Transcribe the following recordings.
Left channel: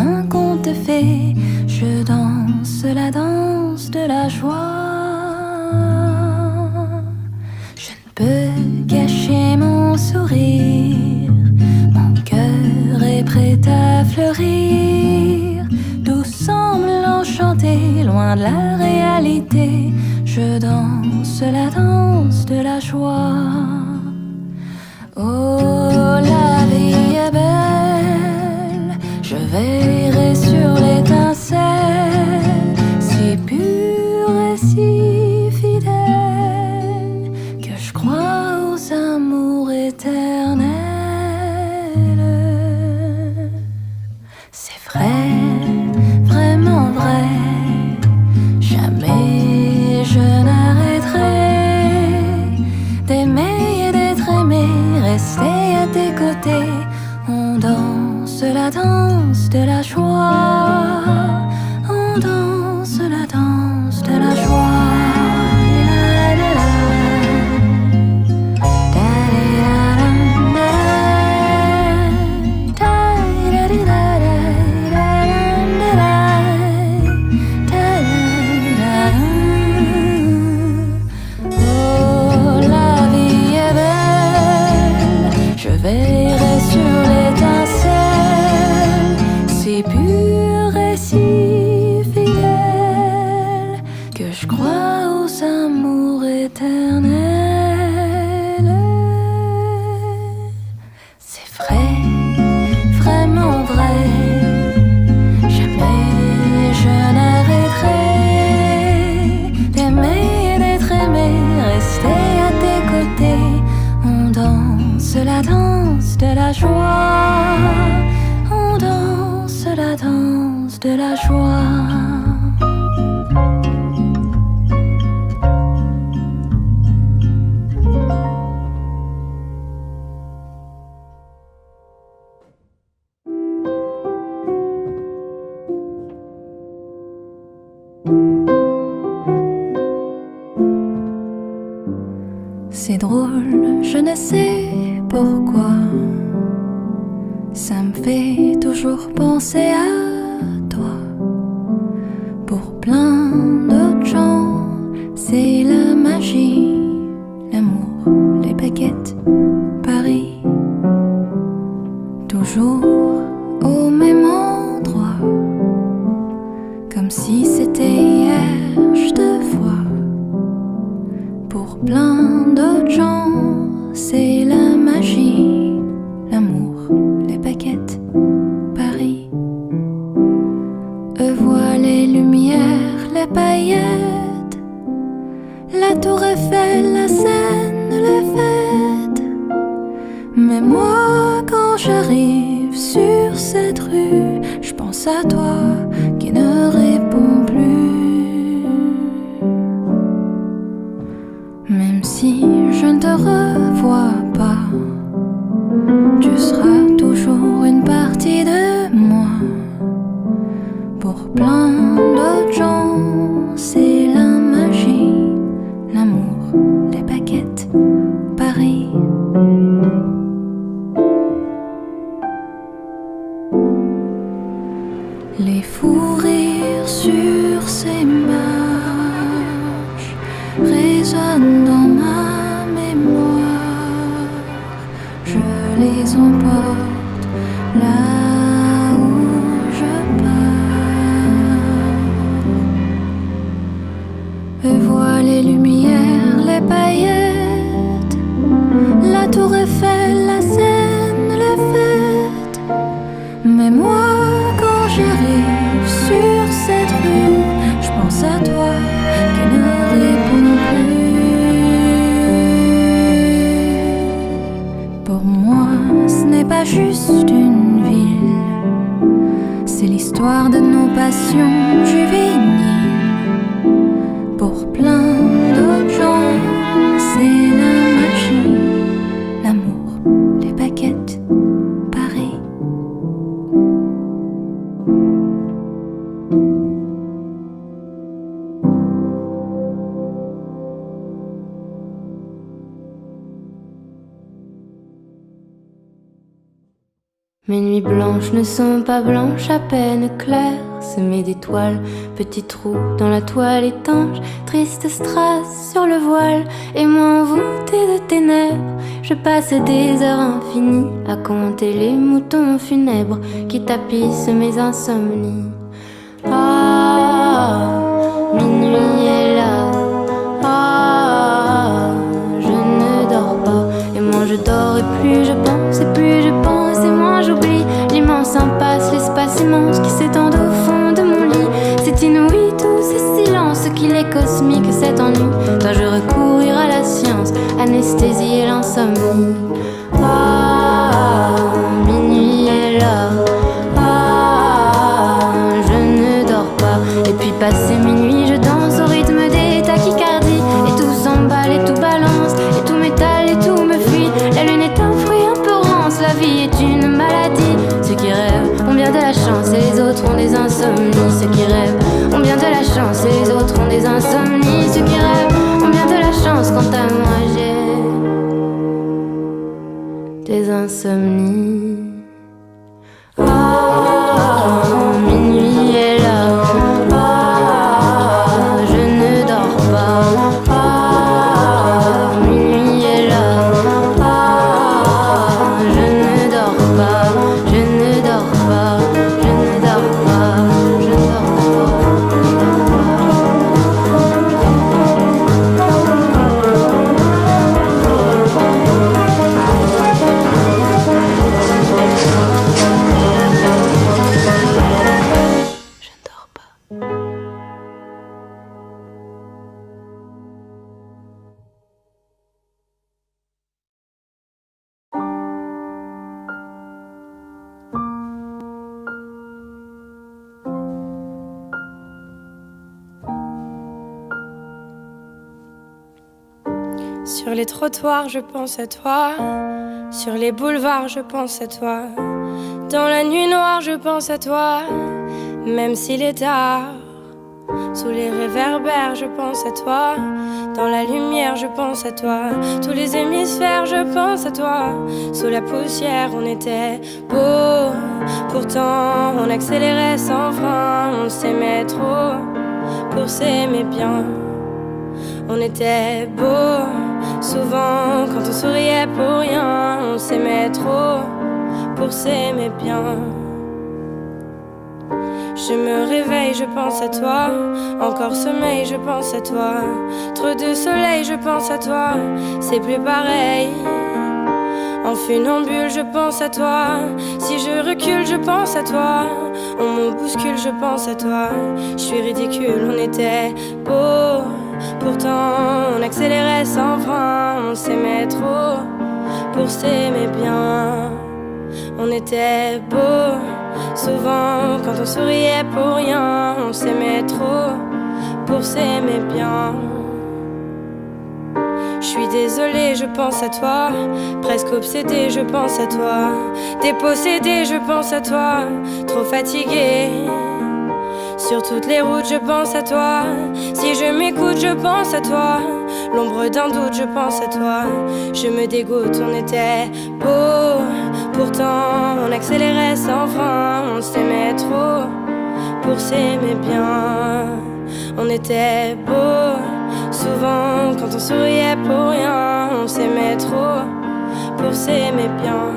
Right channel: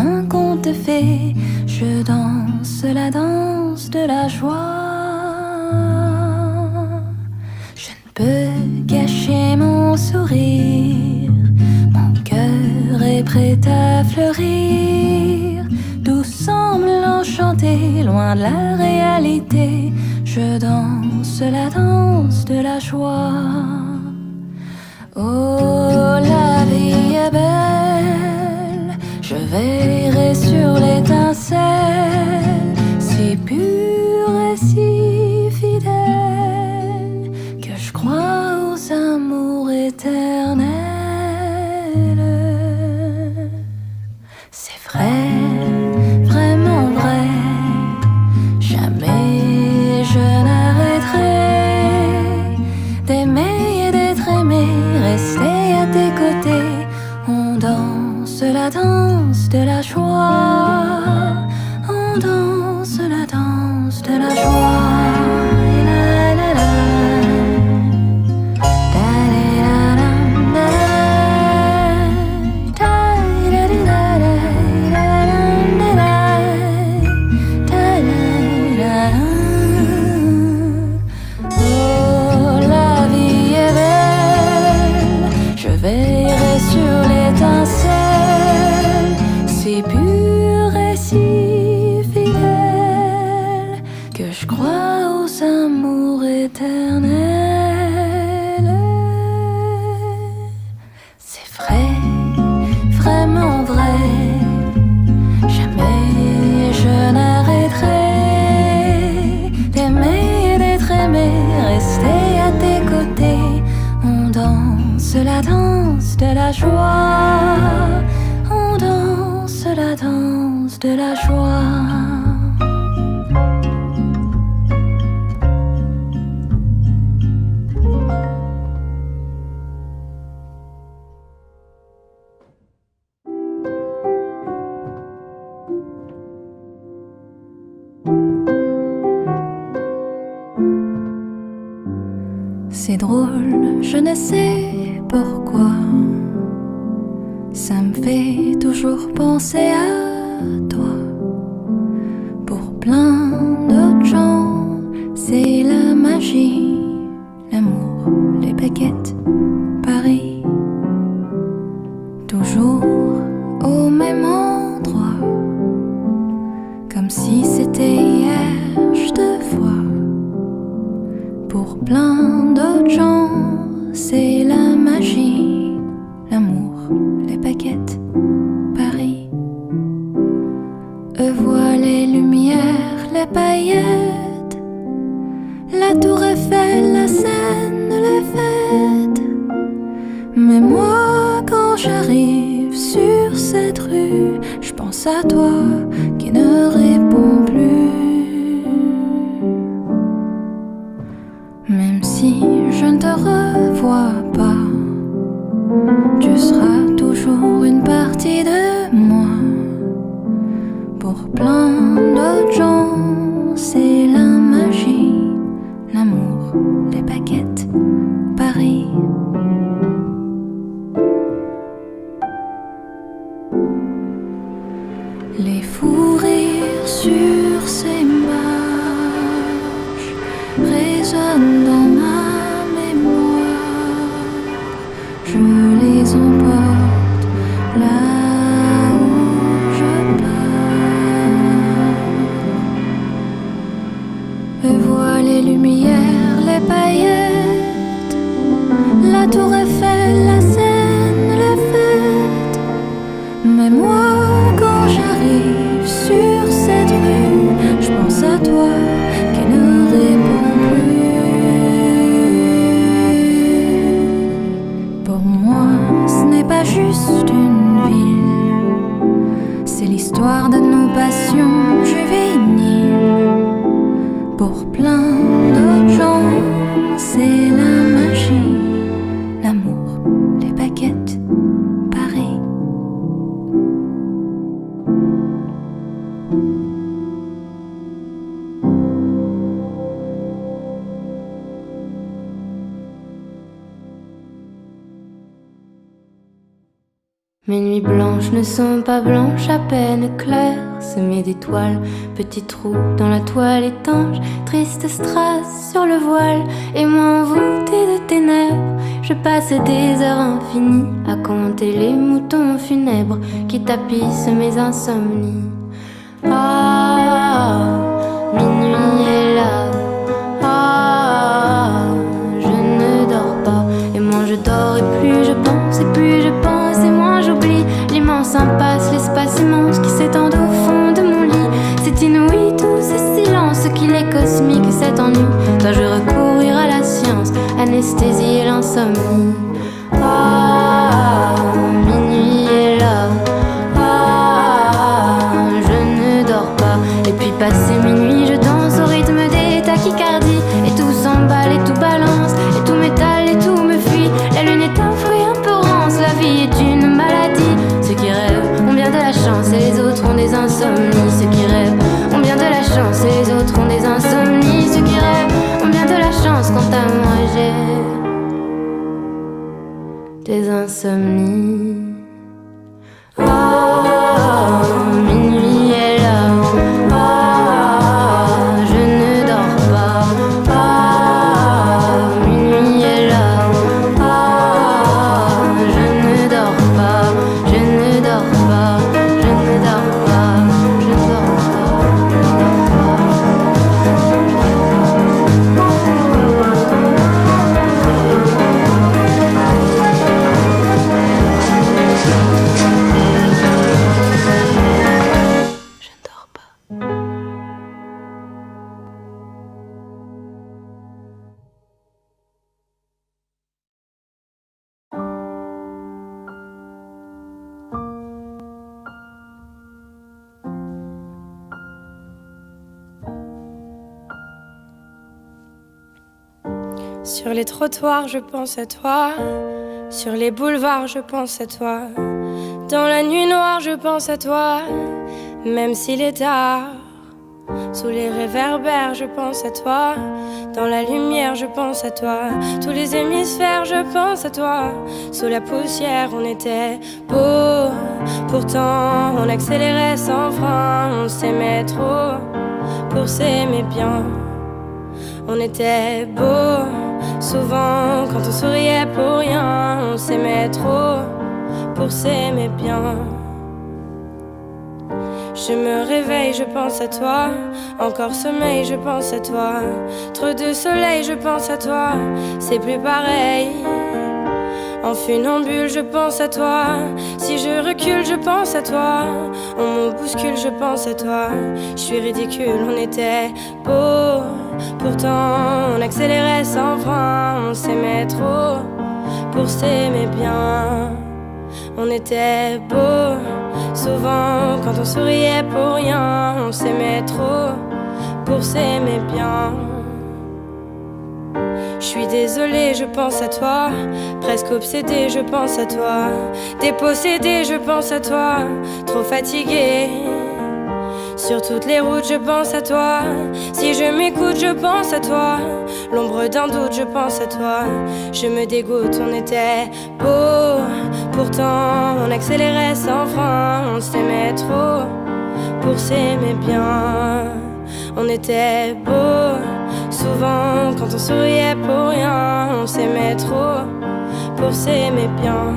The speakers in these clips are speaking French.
un conte de fées, je danse la danse de la joie. Je ne peux cacher mon sourire, mon cœur est prêt à fleurir. Tout semble enchanté, loin de la réalité. Je danse la danse de la joie. Oh, la vie est belle, je veillerai sur l'étincelle, si pure et si fidèle, que je crois aux amours éternels. C'est vrai, vraiment vrai, jamais je n'arrêterai d'aimer et d'être aimé, rester à tes côtés. On danse la danse de la joie, on danse la danse de la joie. Veillerai sur l'étincelle, si pure et si fidèle, que je crois aux amours éternels. C'est vrai, vraiment vrai, jamais je n'arrêterai d'aimer et d'être aimé, rester à tes côtés. On danse la danse de la joie, on danse la danse de la joie. C'est drôle, je ne sais pourquoi, ça me fait toujours penser à toi. Pour plein d'autres gens, c'est la magie, l'amour, les baguettes, Paris. Toujours au même endroit, comme si c'était hier, je te vois. Pour plein d'autres gens, c'est la magie, l'amour, les baguettes, Paris. Eux voient les lumières, les paillettes, la tour Eiffel, la Seine, les fêtes. Mais moi, quand j'arrive sur cette rue, je pense à toi qui ne répond plus. Même si je ne te revois pas, tu seras toujours une partie de moi. Pour plein d'autres gens, c'est la magie, l'amour, les baguettes, Paris. Les fous rires sur ces marches résonnent dans ma mémoire. Je les emporte là où je pars. Et vois les lumières, les paillettes, la tour Eiffel, la Seine, les fêtes. Mais moi, quand j'arrive sur cette rue, je pense à toi qui ne répond plus. Pour moi, ce n'est pas juste une ville, c'est l'histoire de nos passions juvéniles. Pour plein d'autres gens, c'est la magie, l'amour, les baguettes, Paris. Mes nuits nuits blanches ne sont pas blanches, à peine claires, semées d'étoiles, petits trous dans la toile étanche, triste strass sur le voile, et moi envoûtée de ténèbres, je passe des heures infinies à compter les moutons funèbres qui tapissent mes insomnies. Ah, minuit est là, ah, je ne dors pas, et moins je dors et plus je pense, et plus je pense et moins j'oublie l'immense impasse, l'espace immense qui s'étend au fond de mon lit. C'est inouï tous ces silences, qu'il est cosmique cet ennui. Dois-je recourir à la science, anesthésie l'insomnie? Ah, minuit est là, ah, je ne dors pas. Et puis passé minuit, je danse au rythme des tachycardies, et tout s'emballe et tout balance, et tout m'étale et tout me fuit. La lune est un fruit un peu rance, la vie est une maladie. Ceux qui rêvent ont bien de la chance et les autres ont des insomnies. Ceux qui rêvent ont bien de la chance et les autres ont des insomnies. Ceux qui rêvent ont bien de la chance, quant à moi j'ai des insomnies. Ah, minuit est là, ah, je ne dors pas. Ah, minuit est là, ah, je ne dors pas, je ne dors pas, je ne dors pas, je ne dors pas. Sur les trottoirs, je pense à toi. Sur les boulevards, je pense à toi. Dans la nuit noire, je pense à toi. Même s'il est tard. Sous les réverbères, je pense à toi. Dans la lumière, je pense à toi. Tous les hémisphères, je pense à toi. Sous la poussière, on était beau. Pourtant, on accélérait sans frein. On s'aimait trop pour s'aimer bien. On était beau. Souvent, quand on souriait pour rien, on s'aimait trop pour s'aimer bien. Je me réveille, je pense à toi. Encore sommeil, je pense à toi. Trop de soleil, je pense à toi. C'est plus pareil. En funambule, je pense à toi. Si je recule, je pense à toi. On me bouscule, je pense à toi. Je suis ridicule, on était beau. Pourtant, on accélérait sans frein. On s'aimait trop pour s'aimer bien. On était beau. Souvent, quand on souriait pour rien, on s'aimait trop pour s'aimer bien. Je suis désolée, je pense à toi. Presque obsédée, je pense à toi. Dépossédée, je pense à toi. Trop fatiguée. Sur toutes les routes, je pense à toi. Si je m'écoute, je pense à toi. L'ombre d'un doute, je pense à toi. Je me dégoûte, on était beau. Pourtant, on accélérait sans frein. On s'aimait trop pour s'aimer bien. On était beau. Souvent, quand on souriait pour rien, on s'aimait trop pour s'aimer bien.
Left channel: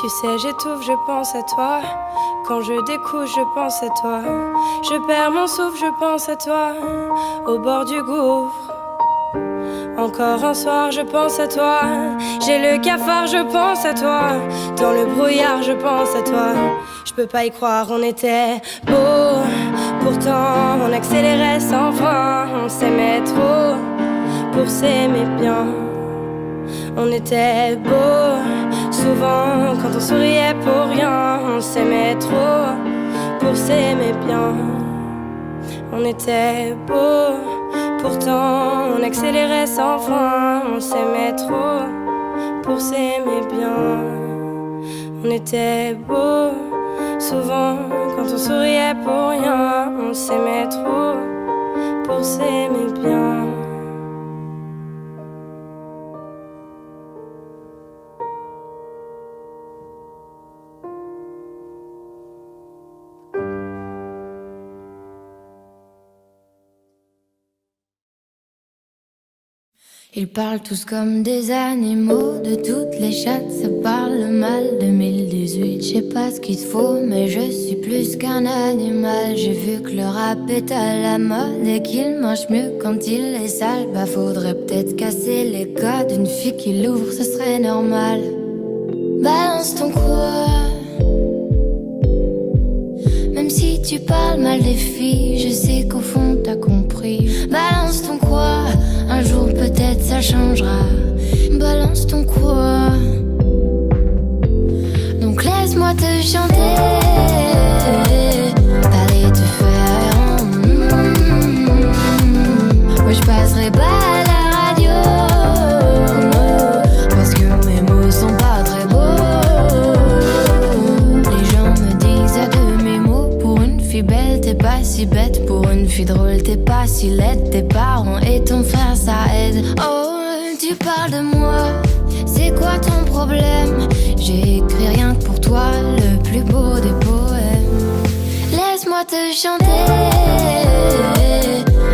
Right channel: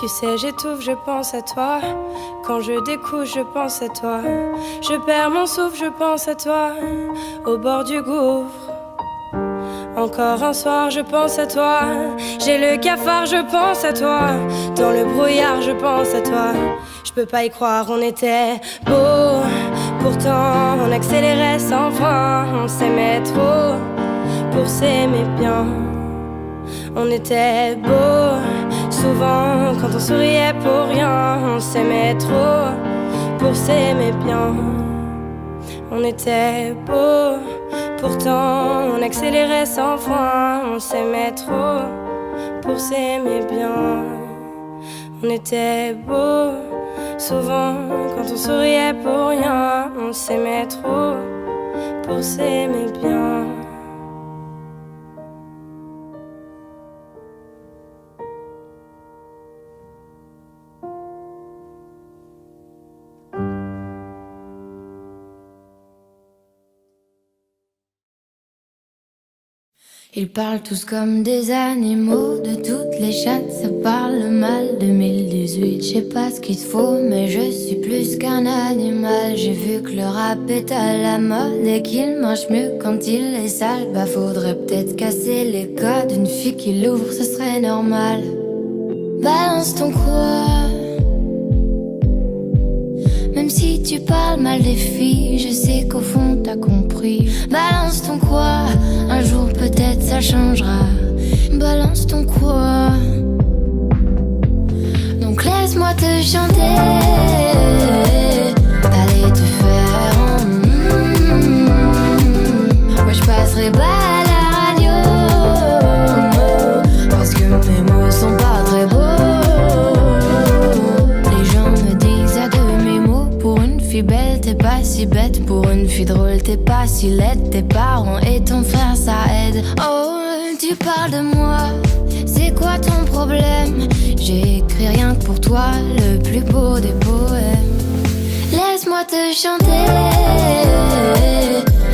Tu sais, j'étouffe, je pense à toi. Quand je découche, je pense à toi. Je perds mon souffle, je pense à toi. Au bord du gouffre. Encore un soir, je pense à toi. J'ai le cafard, je pense à toi. Dans le brouillard, je pense à toi. Je peux pas y croire, on était beau. Pourtant, on accélérait sans frein. On s'aimait trop pour s'aimer bien. On était beau. Souvent, quand on souriait pour rien, on s'aimait trop pour s'aimer bien. On était beau. Pourtant, on accélérait sans frein. On s'aimait trop pour s'aimer bien. On était beau. Souvent, quand on souriait pour rien, on s'aimait trop pour s'aimer bien. Ils parlent tous comme des animaux, de toutes les chattes, ça parle mal. 2018, je sais pas ce qu'il te faut, mais je suis plus qu'un animal. J'ai vu que le rap est à la mode et qu'il marche mieux quand il est sale. Bah faudrait peut-être casser les codes, une fille qui l'ouvre, ce serait normal. Balance ton quoi, même si tu parles mal des filles, je sais qu'au fond t'as compris. Balance ton quoi, un jour peut-être ça changera. Balance ton quoi, donc laisse-moi te chanter. Allez te faire moi je passerai pas à la radio, parce que mes mots sont pas très beaux. Les gens me disent à de mes mots, pour une fille belle t'es pas si bête, pour une fille drôle t'es pas si laide. Tes parents et ton frère ça aide. Oh, tu parles de moi, c'est quoi ton problème? J'ai écrit rien que pour toi, le plus beau des poèmes. Laisse-moi te chanter.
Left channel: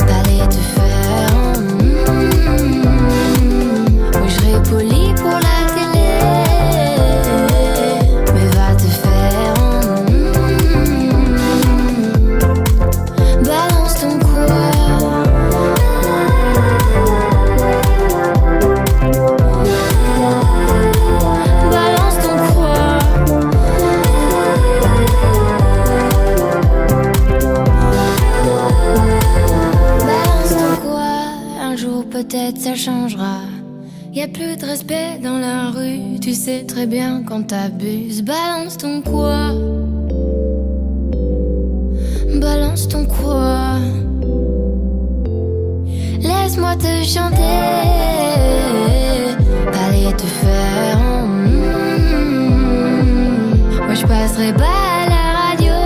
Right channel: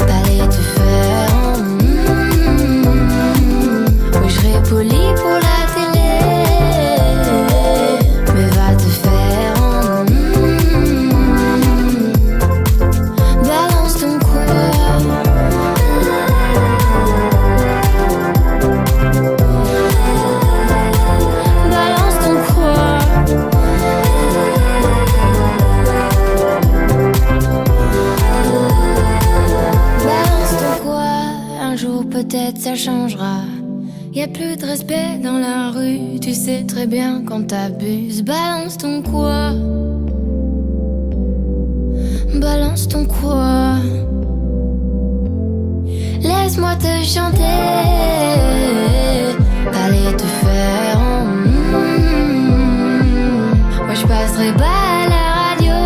Allez te faire oui, je serai poli pour la télé, mais va te faire balance ton quoi. Balance ton quoi. Balance ton quoi. Un jour peut-être ça changera. Y a plus de respect dans la rue, tu sais très bien quand t'abuses. Balance ton quoi. Balance ton quoi. Laisse-moi te chanter. Allez te faire moi je passerai pas à la radio,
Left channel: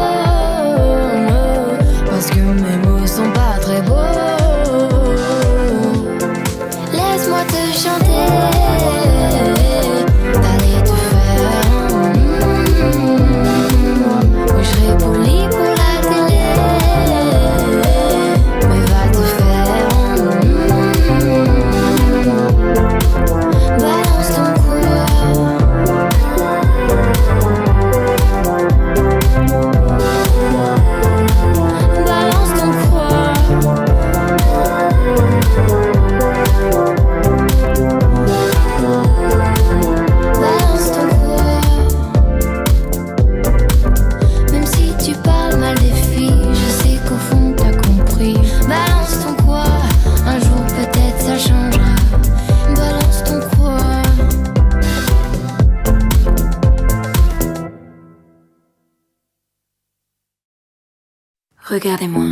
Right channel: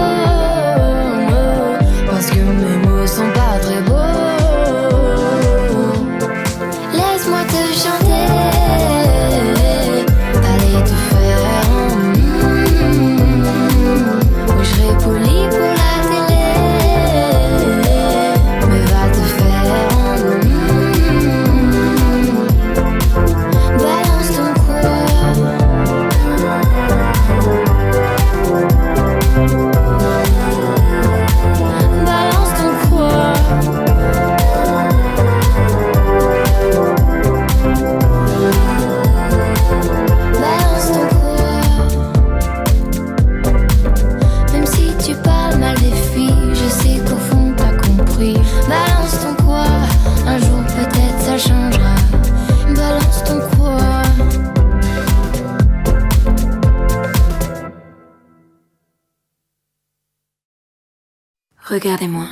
parce que mes mots sont pas très beaux. Laisse-moi te chanter. Allez te faire moi je serai poli pour la télé, mais va te faire balance ton quoi. Balance ton quoi. Balance ton quoi. Même si tu parles mal des filles, je sais qu'au fond t'as compris. Balance ton quoi, un jour peut-être ça changera. Balance ton quoi. Regardez-moi,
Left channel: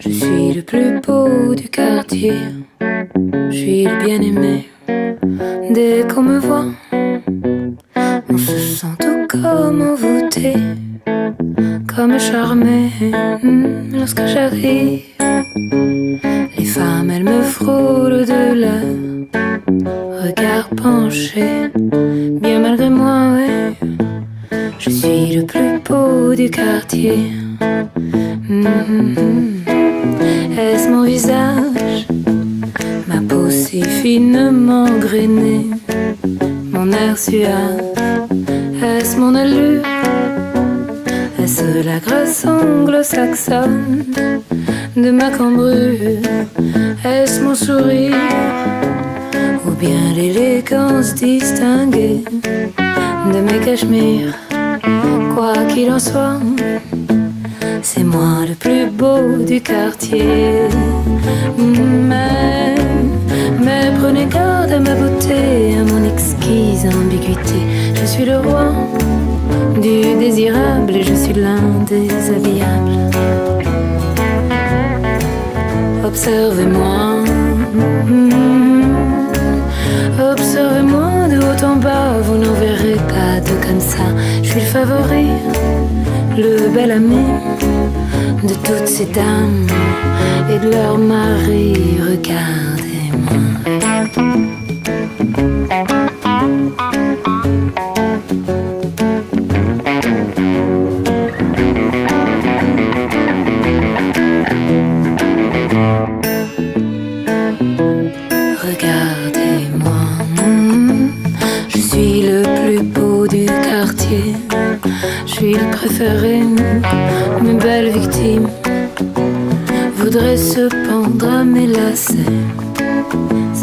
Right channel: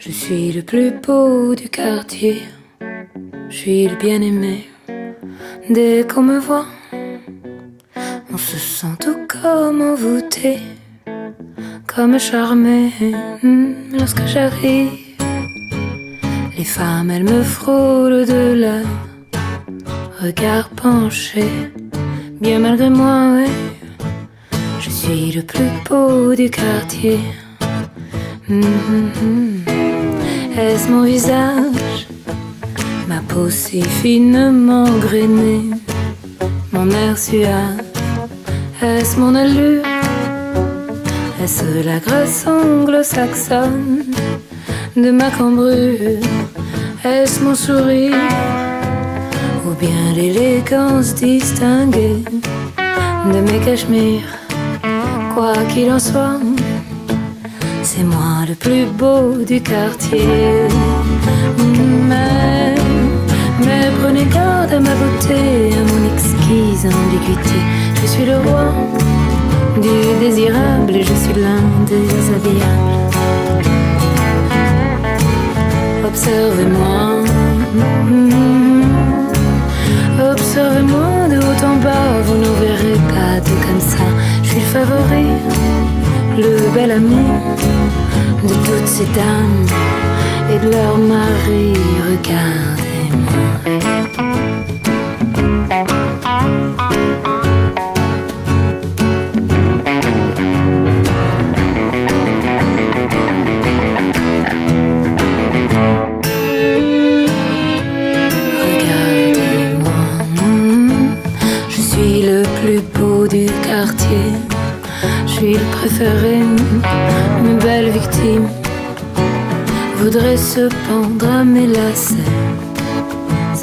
je suis le plus beau du quartier, je suis le bien-aimé. Dès qu'on me voit, on se sent tout comme envoûté, comme charmé. Lorsque j'arrive, les femmes elles me frôlent de leur regard penché. Bien malgré moi, ouais, je suis le plus beau du quartier. Est-ce mon visage, ma peau si finement grainée, mon air suave? Est-ce mon allure? Est-ce la grâce anglo-saxonne de ma cambrure? Est-ce mon sourire? Ou bien l'élégance distinguée de mes cachemires? Quoi qu'il en soit, c'est moi le plus beau du quartier. Mais prenez garde à ma beauté, à mon exquise ambiguïté. Je suis le roi du désirable et je suis l'un des habillables. Observez-moi, observez-moi de haut en bas, vous n'en verrez pas de comme ça. Je suis le favori le bel ami de toutes ces dames et de leurs maris. Regardez-moi. Je suis le plus beau du quartier, je suis le préféré. Mes belles victimes voudraient se pendre à mes lacets,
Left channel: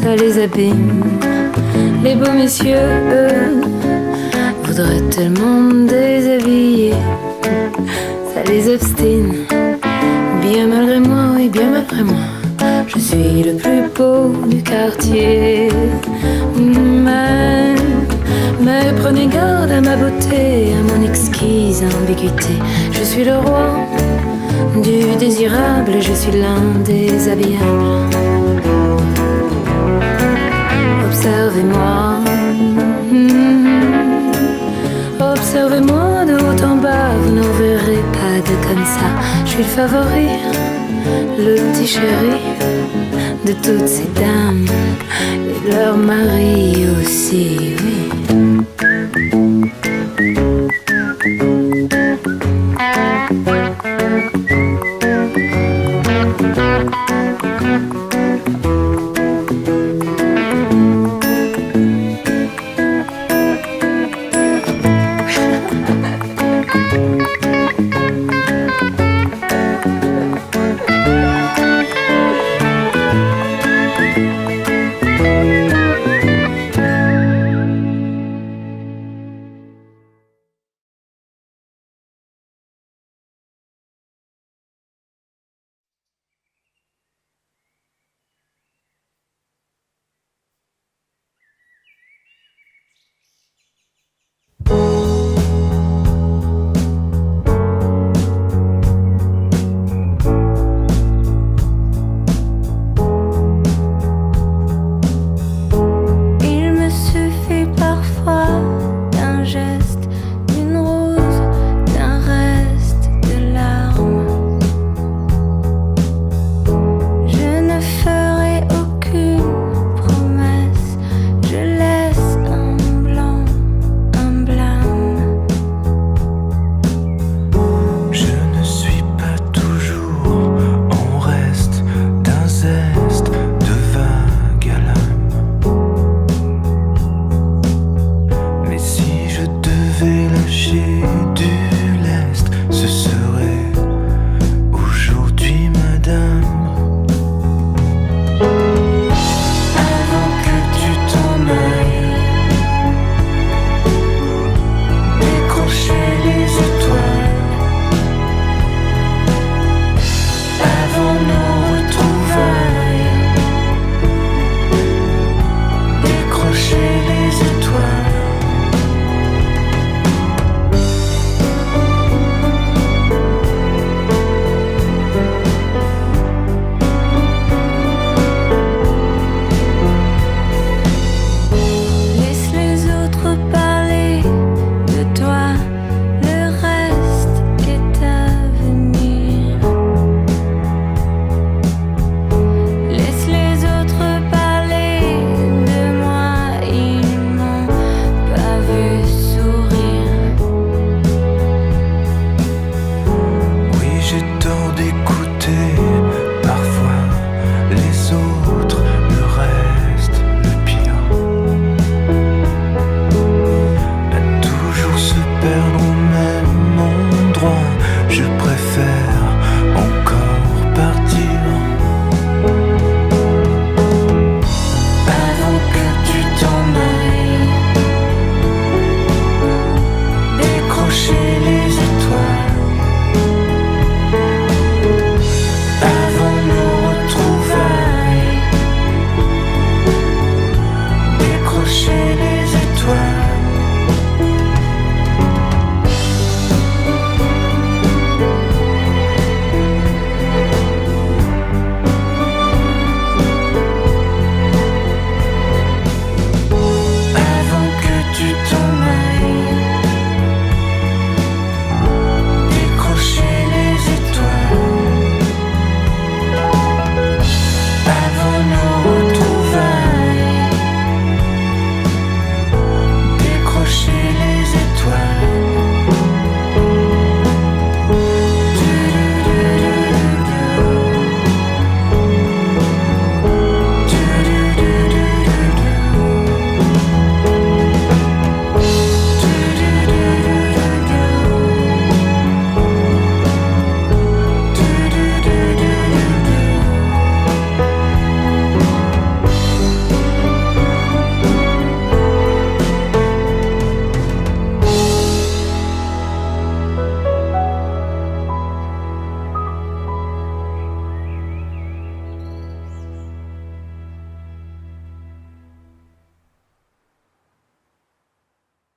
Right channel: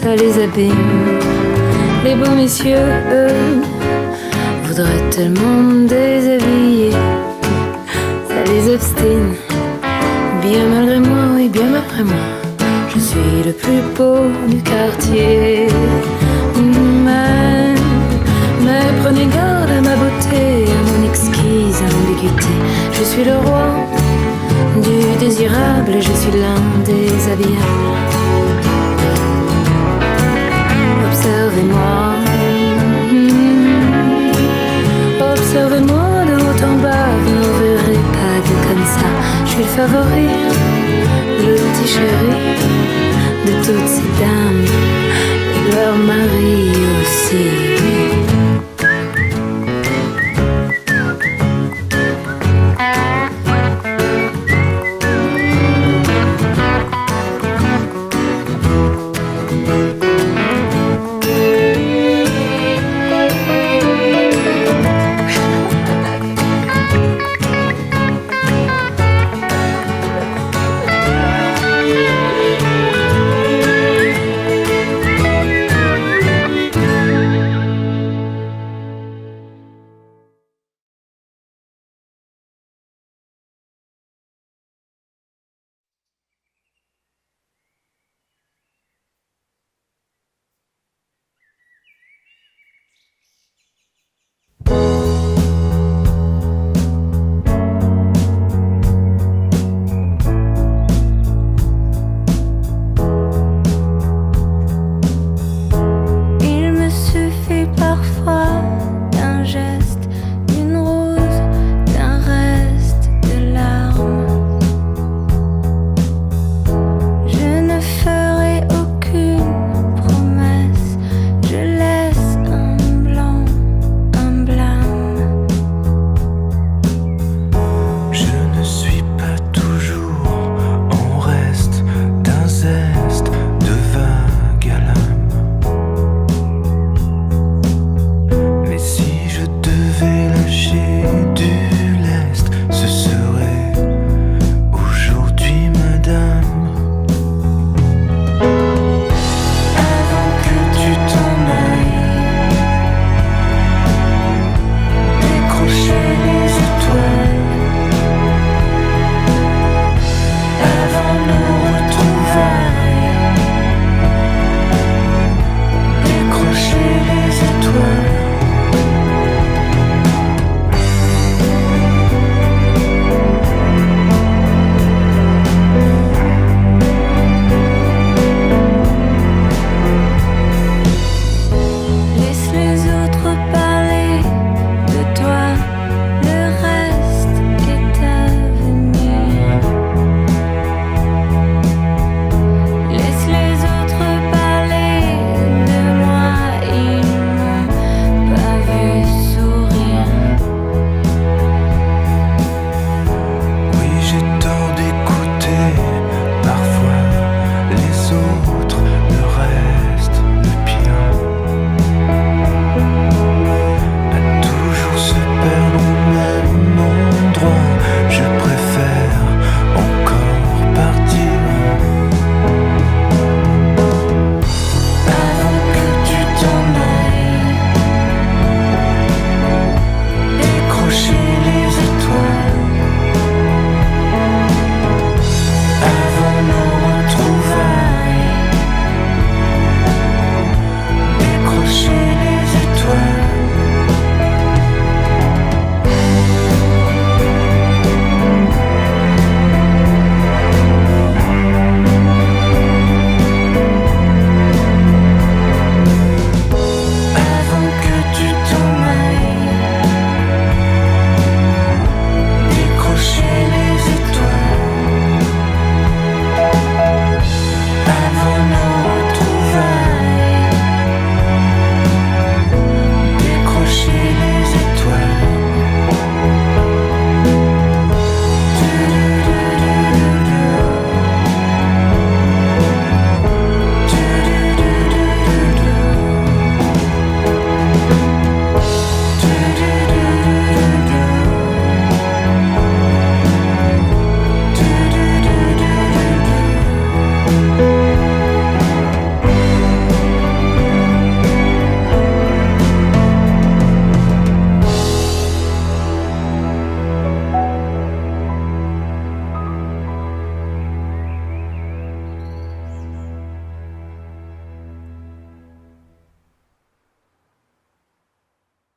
ça les abîme. Les beaux messieurs, eux, voudraient tellement me déshabiller, ça les obstine. Bien malgré moi, oui, bien malgré moi, je suis le plus beau du quartier. Mais prenez garde à ma beauté, à mon exquise ambiguïté. Je suis le roi du désirable, je suis l'un des habillables. Observez-moi, observez-moi de haut en bas, vous n'en verrez pas de comme ça. Je suis le favori, le petit chéri de toutes ces dames et de leurs maris aussi.